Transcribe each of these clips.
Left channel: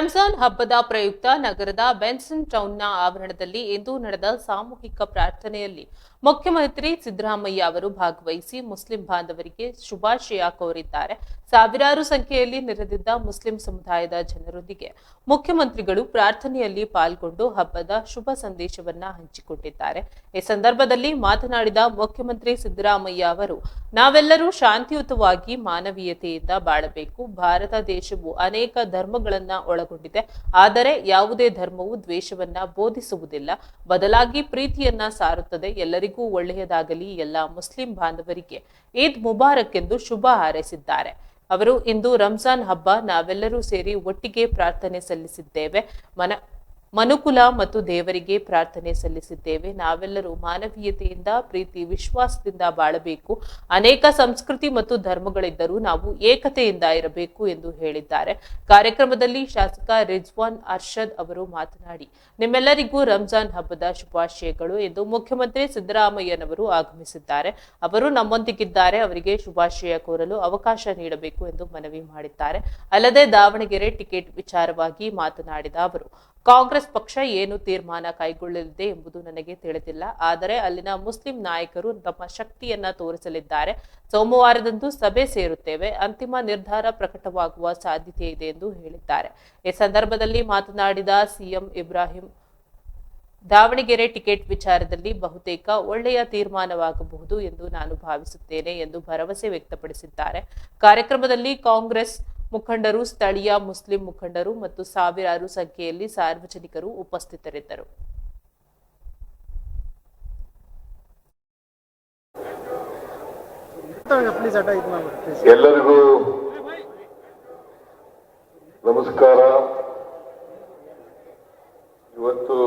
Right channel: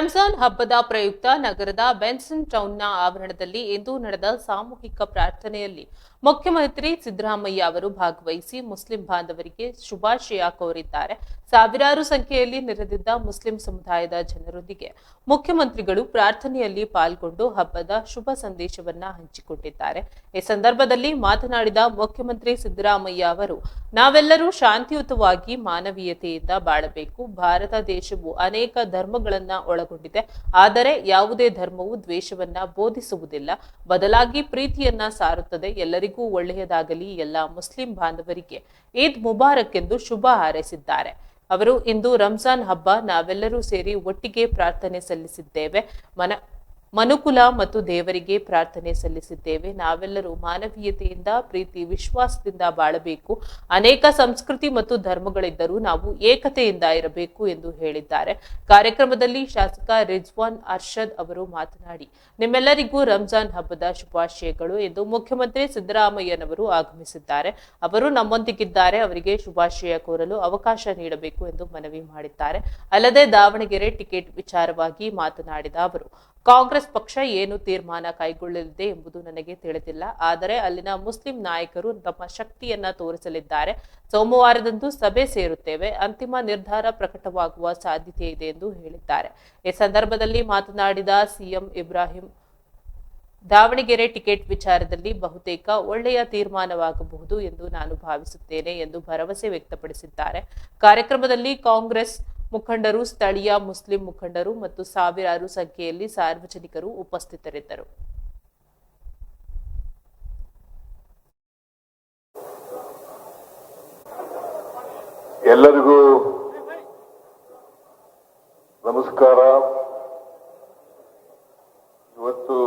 ರಂಜಾನ್ ಹಬ್ಬದ ಪ್ರಯುಕ್ತ ನಗರದ ಬೆನ್ಸನ್ ಟೌನ್ನ ಆವರಣದಲ್ಲಿ ಇಂದು ನಡೆದ ಸಾಮೂಹಿಕ ಪ್ರಾರ್ಥನೆಯಲ್ಲಿ ಮುಖ್ಯಮಂತ್ರಿ ಸಿದ್ದರಾಮಯ್ಯ ಅವರು ಭಾಗವಹಿಸಿ ಮುಸ್ಲಿಂ ಬಾಂಧವರಿಗೆ ಶುಭಾಶಯ ಕೋರಿದ್ದಾರೆ. ಸಾವಿರಾರು ಸಂಖ್ಯೆಯಲ್ಲಿ ನೆರೆದಿದ್ದ ಮುಸ್ಲಿಂ ಸಮುದಾಯದ ಜನರೊಂದಿಗೆ ಮುಖ್ಯಮಂತ್ರಿಗಳು ಪ್ರಾರ್ಥನೆಯಲ್ಲಿ ಪಾಲ್ಗೊಂಡು ಹಬ್ಬದ ಶುಭ ಸಂದೇಶವನ್ನ ಹಂಚಿಕೊಂಡಿದ್ದಾರೆ. ಈ ಸಂದರ್ಭದಲ್ಲಿ ಮಾತನಾಡಿದ ಮುಖ್ಯಮಂತ್ರಿ ಸಿದ್ದರಾಮಯ್ಯ ಅವರು, ನಾವೆಲ್ಲರೂ ಶಾಂತಿಯುತವಾಗಿ ಮಾನವೀಯತೆಯಿಂದ ಬಾಳಬೇಕು. ಭಾರತ ದೇಶವು ಅನೇಕ ಧರ್ಮಗಳನ್ನ ಒಳಗೊಂಡಿದೆ. ಆದರೆ ಯಾವುದೇ ಧರ್ಮವು ದ್ವೇಷವನ್ನ ಬೋಧಿಸುವುದಿಲ್ಲ, ಬದಲಾಗಿ ಪ್ರೀತಿಯನ್ನ ಸಾರುತ್ತದೆ. ಎಲ್ಲರಿಗೂ ಒಳ್ಳೆಯದಾಗಲಿ. ಎಲ್ಲ ಮುಸ್ಲಿಂ ಬಾಂಧವರಿಗೆ ಈದ್ ಮುಬಾರಕ್ ಎಂದು ಶುಭ ಹಾರೈಸಿದ್ದಾರೆ. ಅವರು ಇಂದು ರಂಜಾನ್ ಹಬ್ಬ ನಾವೆಲ್ಲರೂ ಸೇರಿ ಒಟ್ಟಿಗೆ ಪ್ರಾರ್ಥನೆ ಸಲ್ಲಿಸಿದ್ದೇವೆ. ಮನುಕುಲ ಮತ್ತು ದೇವರಿಗೆ ಪ್ರಾರ್ಥನೆ ಸಲ್ಲಿಸಿದ್ದೇವೆ. ನಾವೆಲ್ಲರೂ ಮಾನವೀಯತೆಯಿಂದ, ಪ್ರೀತಿ, ವಿಶ್ವಾಸದಿಂದ ಬಾಳಬೇಕು. ಅನೇಕ ಸಂಸ್ಕೃತಿ ಮತ್ತು ಧರ್ಮಗಳಿದ್ದರೂ ನಾವು ಏಕತೆಯಿಂದ ಇರಬೇಕು ಎಂದು ಹೇಳಿದ್ದಾರೆ. ಕಾರ್ಯಕ್ರಮದಲ್ಲಿ ಶಾಸಕ ರಿಜ್ವಾನ್ ಅರ್ಷದ್ ಅವರು ಮಾತನಾಡಿ, ನಿಮ್ಮೆಲ್ಲರಿಗೂ ರಂಜಾನ್ ಹಬ್ಬದ ಶುಭಾಶಯಗಳು ಎಂದು ಮುಖ್ಯಮಂತ್ರಿ ಸಿದ್ದರಾಮಯ್ಯನವರು ಆಗಮಿಸಿದ್ದಾರೆ. ಅವರು ನಮ್ಮೊಂದಿಗಿದ್ದಾರೆ. ಅವರಿಗೆ ಶುಭಾಶಯ ಕೋರಲು ಅವಕಾಶ ನೀಡಬೇಕು ಎಂದು ಮನವಿ ಮಾಡಿದ್ದಾರೆ. ಅಲ್ಲದೆ ದಾವಣಗೆರೆ ಟಿಕೆಟ್ ವಿಚಾರವಾಗಿ ಮಾತನಾಡಿದ ಅವರು, ಕಾಂಗ್ರೆಸ್ ಪಕ್ಷ ಏನು ತೀರ್ಮಾನ ಕೈಗೊಳ್ಳಲಿದೆ ಎಂಬುದು ನನಗೆ ತಿಳಿದಿಲ್ಲ. ಆದರೆ ಅಲ್ಲಿನ ಮುಸ್ಲಿಂ ನಾಯಕರು ತಮ್ಮ ಶಕ್ತಿಯನ್ನ ತೋರಿಸಲಿದ್ದಾರೆ. ಸೋಮವಾರದಂದು ಸಭೆ ಸೇರುತ್ತೇವೆ. ಅಂತಿಮ ನಿರ್ಧಾರ ಪ್ರಕಟವಾಗುವ ಸಾಧ್ಯತೆ ಇದೆ ಎಂದು ಹೇಳಿದ್ದಾರೆ. ಈ ಸಂದರ್ಭದಲ್ಲಿ ಮಾತನಾಡಿದ ಸಿಎಂ ಇಬ್ರಾಹಿಂ, ದಾವಣಗೆರೆ ಟಿಕೆಟ್ ವಿಚಾರದಲ್ಲಿ ಬಹುತೇಕ ಒಳ್ಳೆಯ ತೀರ್ಮಾನವಾಗಬಹುದು ಎಂದು ನಾನು ಭಾವಿಸುತ್ತೇನೆ ಎಂದು ಭರವಸೆ ವ್ಯಕ್ತಪಡಿಸಿದ್ದಾರೆ. ಕಾರ್ಯಕ್ರಮದಲ್ಲಿ ಕಾಂಗ್ರೆಸ್ ಮುಖಂಡರು, ಸ್ಥಳೀಯ ಮುಸ್ಲಿಂ ಮುಖಂಡರು ಮತ್ತು ಸಾವಿರಾರು ಸಂಖ್ಯೆಯಲ್ಲಿ ಸಾರ್ವಜನಿಕರು ಉಪಸ್ಥಿತರಿದ್ದರು. ಎಲ್ಲರಿಗೂ ನಮಸ್ಕಾರ. ಇವತ್ತು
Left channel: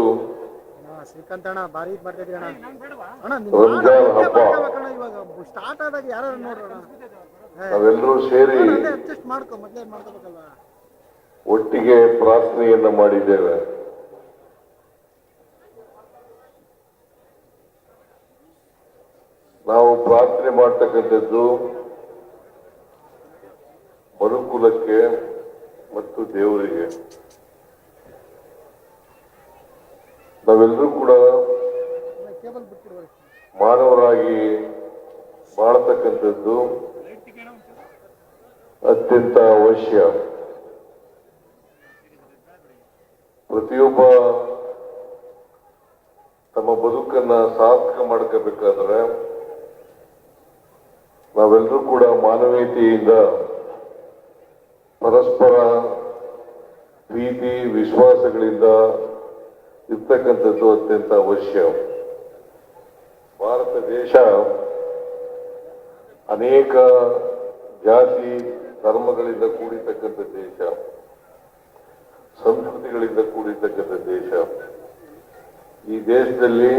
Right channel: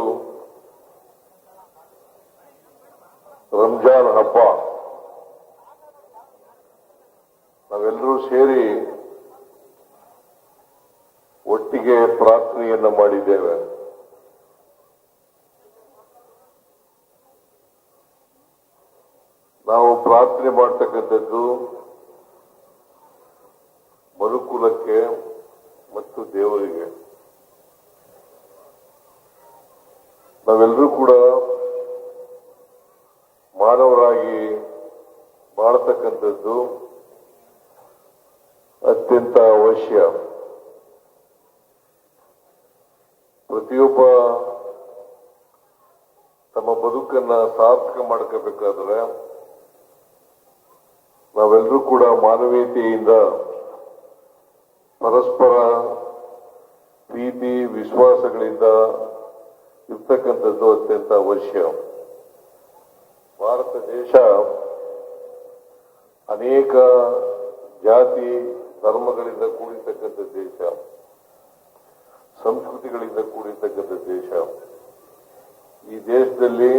ರಂಜಾನ್ ಹಬ್ಬ ನಾವೆಲ್ಲರೂ ಸೇರಿ ಒಟ್ಟಿಗೆ ಪ್ರಾರ್ಥನೆಯನ್ನ ಮಾಡಿದ್ದೇವೆ. ನಾವು ಪ್ರಾರ್ಥನೆ ಮಾಡ್ತಕ್ಕಂಥದ್ದು ಮನುಕುಲಕ್ಕೆ ಮತ್ತು ದೇವರಿಗೆ. ನಾವೆಲ್ಲರೂ ಕೂಡ ಮಾನವರಾಗಿ ಬಾಳ್ತಕ್ಕಂಥದ್ದು ಅತ್ಯಂತ ಅವಶ್ಯ. ಪ್ರತಿಯೊಬ್ಬ ತಮ್ಮ ಬದುಕನ್ನ ಸಾರ್ಥಕ ಮಾಡ್ಕೋಬೇಕಾದ್ರೆ ನಾವೆಲ್ಲರೂ ಕೂಡ ಮಾನವೀಯತೆಯಿಂದ ಪರಸ್ಪರ ಪ್ರೀತಿ ವಿಶ್ವಾಸಗಳಿಂದ ಇರ್ತಕ್ಕಂಥದ್ದು ಅತ್ಯಂತ ಅವಶ್ಯ. ಭಾರತ ದೇಶ ಅನೇಕ ಜಾತಿ ಧರ್ಮಗಳಿಂದ ಕೂಡಿರ್ತಕ್ಕಂಥ ದೇಶ, ಸಂಸ್ಕೃತಿಗಳಿಂದ ಕೂಡಿರ್ತಕ್ಕಂಥ ದೇಶ. ಈ ದೇಶದಲ್ಲಿ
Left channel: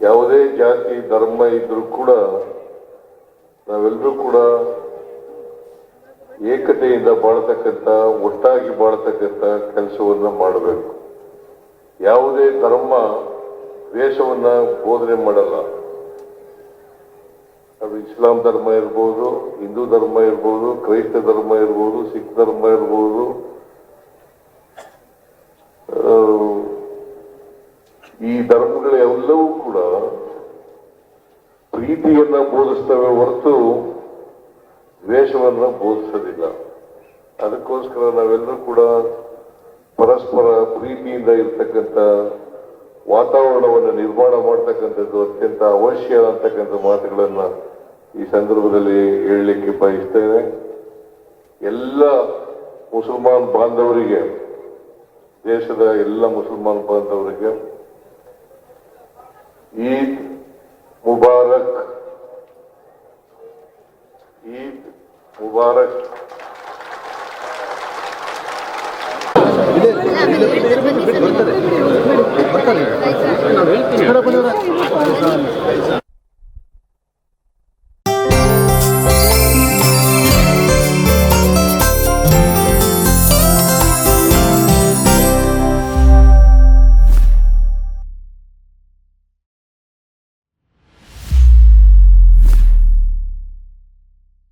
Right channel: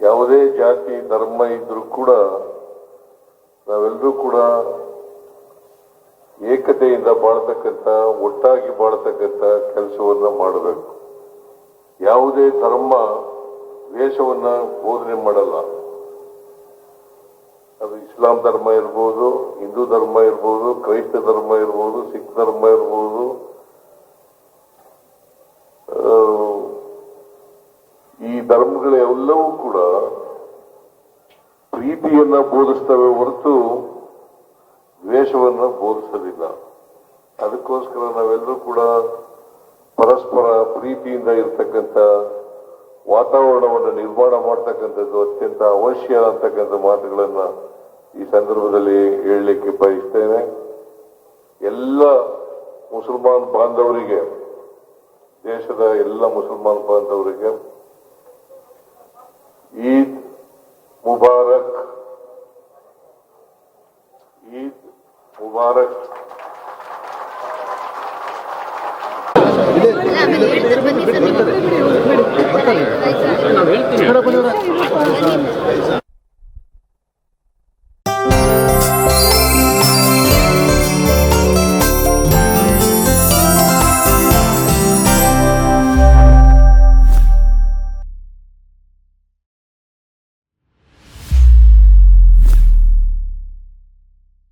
ಯಾವುದೇ ಜಾತಿ ಧರ್ಮ ಇದ್ರೂ ಕೂಡ ನಾವೆಲ್ಲರೂ ಕೂಡ ಏಕತೆಯಿಂದ ಬಾಳ್ತಕ್ಕಂಥ, ಒಟ್ಟಾಗಿ ಬಾಳ್ತಕ್ಕಂಥ ಕೆಲಸವನ್ನ ಮಾಡಬೇಕು. ಯಾವುದೇ ಧರ್ಮ ದ್ವೇಷವನ್ನ ಬೋಧನೆ ಮಾಡಲ್ಲ. ಅದು ಇಸ್ಲಾಂ ಧರ್ಮ ಇರ್ಬೋದು, ಹಿಂದೂ ಧರ್ಮ ಇರ್ಬೋದು, ಕ್ರೈಸ್ತ ಧರ್ಮ ಇರ್ಬೋದು, ಸಿಖ್ ಧರ್ಮ ಇರ್ಬೋದು, ಈ ಧರ್ಮಗಳೆಲ್ಲವೂ ಕೂಡ ಪ್ರೀತಿಯನ್ನ ಬೋಧಿಸ್ತವೆ ಹೊರತು ದ್ವೇಷವನ್ನ ಬೋಧಿಸೋದಿಲ್ಲ. ಅದಕ್ಕೋಸ್ಕರ ನಾವೆಲ್ಲರೂ ಕೂಡ ಪರಸ್ಪರ ಪ್ರೀತಿಯಿಂದ ಇರ್ತಕ್ಕಂಥ ವಾತಾವರಣವನ್ನು ನಿರ್ಮಾಣ ಮಾಡ್ತಕ್ಕಂಥದ್ದು ಅತ್ಯಂತ ಅವಶ್ಯ ಅಂತಕ್ಕಂಥ ಮಾತುಗಳನ್ನ ಈ ಸಂದರ್ಭದಲ್ಲಿ ಹೇಳಲಿಕ್ಕೆ ಬಯಸ್ತೇನೆ. ಎಲ್ಲ ಮುಸಲ್ಮಾನ್ ಬಾಂಧವರಿಗೆ, ದೇಶದ ಎಲ್ಲ ಮುಸಲ್ಮಾನ್ ಬಾಂಧವರಿಗೆ ಈದ್ ಮುಬಾರಕ್, ಈದ್ ಮುಬಾರಕ್.